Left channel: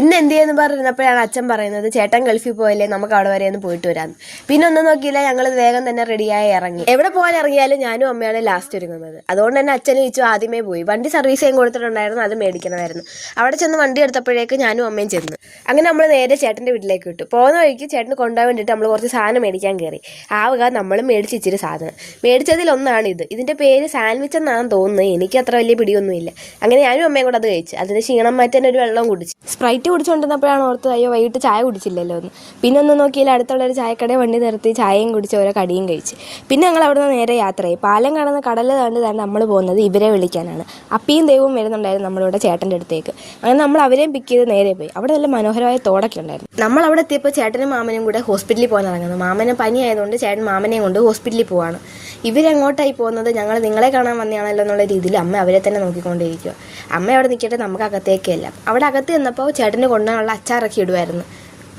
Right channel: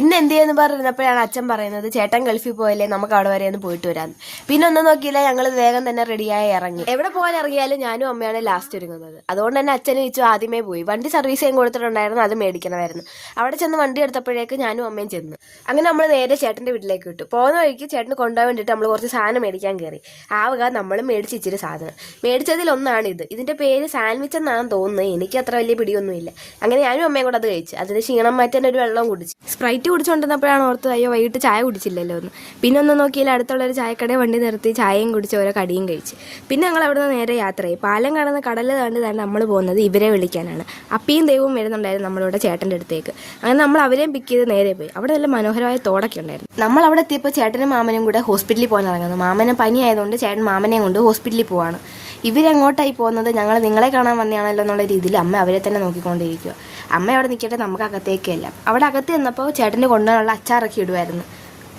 പിന്നെ എന്ത് ചെയ്യുന്നു പറഞ്ഞപ്പോഴാണ് അച്ഛൻ പറയുന്നത് ചേട്ടൻ ഗൾഫിൽ പോയല്ലേ, നമുക്ക് അവിടെ വരെ ഒന്ന് പോയിട്ട് വരാം. പിന്നെ ഒന്നും നോക്കിയില്ല, ഞങ്ങൾ വേഗം തന്നെ റെഡിയായി ഇറങ്ങി. എവിടെ പോകാൻ ഇറങ്ങിയാലും ഞാനും അമ്മയാണ് ലാസ്റ്റ് ഒരുങ്ങുന്നത്. അതുകൊണ്ട് തന്നെ അച്ഛനെ ചോദിച്ചു ആദ്യമേ പോയി. വണ്ടി സർവീസ് ചെയ്യാൻ കൊടുത്തിട്ടുണ്ടായിരുന്നു, അത് മേടിക്കണമായിരുന്നു. അവിടെ ചെന്ന് വണ്ടി എടുത്തപ്പോഴേക്ക് ഞാനും അമ്മയും ചെന്നു. അങ്ങനെ നമ്മൾ നേരെ ചേട്ടൻ്റെ വീട്ടിലേക്ക് വിട്ടു. പോകുന്ന വഴിക്ക് ചേട്ടന് കൊണ്ടുപോകാൻ വേണ്ടിയിട്ട് നമ്മൾ കുറച്ച് സാധനം മേടിക്കാൻ കയറി. ആവുക നമ്മളും മേടിച്ച് ഇച്ചിരി സാധനം. മേടിച്ചതിലൊന്നാണിത്. ഇതിൻ്റെ പേര് സാൻഡ്വിച്ച് എന്നാണെന്ന് തോന്നുന്നത്. എനിക്ക് അത്ര വലിയ പിടിയൊന്നുമില്ല. അങ്ങനെ ഞാനും അമ്മയും കൂടെ അത് കഴിച്ചു. അതിന് ക്ഷീണം മാറ്റാൻ ഒരു വെള്ളം കുടിച്ചു. സ്പ്രൈറ്റ് കുടിച്ചുകൊണ്ടിരുന്നപ്പോഴാണ് ഓർത്തത് അയ്യോ വൈകിട്ട് ചായ കുടിച്ചില്ലല്ലോ എന്ന്. പിന്നെ ഒന്നും നോക്കിയില്ല, അടുത്തുള്ളൊരു ചായക്കടയിൽ വണ്ടി നിർത്തി ചായയും കുടിച്ച് ഓരോ കടിയും കഴിച്ച്. പിന്നെ ഞങ്ങൾ അവിടെ നിന്ന് നേരെ യാത്രയായി. പാലം കാണുന്ന കടലിൽ തന്നെ നമ്മൾ പോകുന്നത് ഇവരെ വിളിക്കാനാണ്. അപ്പിയും ദൈവവും വരുന്നുണ്ടായിരുന്നു നമ്മളിവിടെ ചേട്ടൻ്റെ അടുത്തേക്ക്. അങ്ങനെ നമ്മൾ അവരെയും പിക്ക് ചെയ്ത് നേരെ പോയി. അവിടെ നല്ല മനോഹരമായ തോടൊക്കെ ഉണ്ടായിരുന്നു. നമ്മൾ അവിടെ എത്തിയപ്പോൾ ചേട്ടനും മാമനും കൂടെ ഹോസ്പിറ്റലിൽ പോകാൻ ഇറങ്ങുന്നു. മാമന് പനി ആയതുകൊണ്ട് ചേട്ടൻ മാമനെയും കൊണ്ട് ഹോസ്പിറ്റലിൽ പോവാണ്. ഇവരെങ്ങോട്ടായി പോകുന്നത്, ഞങ്ങൾ നിങ്ങളെ കാണാൻ വന്നതാണല്ലോ എന്നുള്ള രീതിയിൽ അമ്മ അവരെ തന്നെ നോക്കിക്കൊണ്ടിരിക്കുക. അമ്മ അവിടെ നിൽക്കട്ടെ, നമുക്ക് അകത്തേക്കല്ല. അവിടെ അകത്ത് നിന്നപ്പോൾ ചേട്ടന് കൊണ്ടുപോകാനുള്ള അച്ചാറൊക്കെ ഇടുമായിരുന്നു.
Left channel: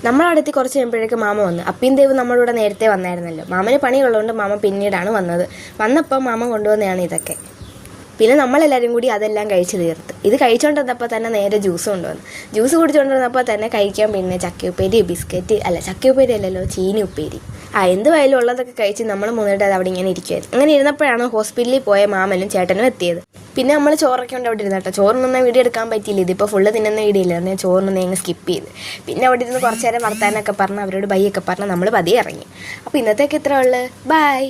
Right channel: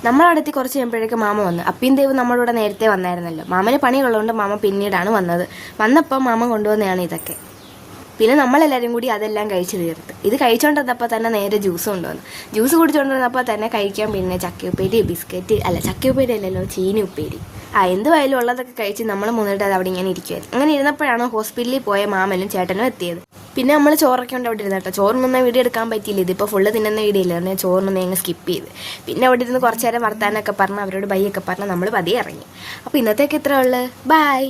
നമ്മളവിടെത്തി കുറച്ച് കഴിയുമ്പോഴേക്ക് മാമ വന്നു. അപ്പിയും ദേവ് നമ്മളിവിടെ നേരത്തെ വന്നായിരുന്നല്ലോ. മാമന് പണിയുള്ളതുകൊണ്ട് മാമ പിന്നീടാണ് വന്നത്. വന്നപ്പോൾ മാമ കൊണ്ടുവന്നതാണ് ഇതൊക്കെ. പിന്നെ നമ്മളെല്ലാവരും കൂടി അതെല്ലാം കഴിച്ച് തീർത്ത്. ഇത് കഴിച്ചുകൊണ്ടിരുന്നപ്പോൾ തന്നെ നേരെ ജ്യൂസ് കൊണ്ടുവന്നു. ജ്യൂസ് കുടിച്ചുകൊണ്ടിരുന്നപ്പോൾ തന്നെ കഴിക്കാൻ പിന്നെ ചക്കയുപ്പേരി, ബിസ്ക്കറ്റ് അല്ല ചക്കയുപ്പേരി അല്ലല്ലോ, ചീനി ഉപ്പേരി. എന്തുവായാലും ഉള്ളതൊക്കെ കഴിച്ച് നമ്മൾ മുന്നിട്ട് അത് അവിടെ ഇങ്ങനെ ഇരിക്കുമായിരുന്നു. അങ്ങനെ ഇരുന്നപ്പോഴാണ് ഹോസ്പിറ്റലിൽ പോയ മാമനും ചേട്ടനും എത്തിയത്. പിന്നെ നമ്മൾ ചോറൊക്കെ ഉണ്ട് അവിടെ ഇരുന്നേട്ടോ. ചോറ് നിന്ന വീഡിയോ എടുക്കാൻ പറ്റിയില്ല. ഇതിപ്പോൾ ഫുള്ള് തിന്നുന്ന വീഡിയോ ഇല്ല. ഞാൻ ചോറ് നിന്ന് സ്കിപ്പ് ചെയ്ത്. പിന്നെ അവിടെ ഇരുന്ന് കുറച്ച് നേരം വർത്താനൊക്കെ പറഞ്ഞ് അവരോട് ബൈ ഒക്കെ പറഞ്ഞ് നമ്മൾ പതിയെ ഇറങ്ങി. അപ്പോൾ ഇന്നത്തേക്ക് ഇത്ര ഉള്ളു. ബൈ.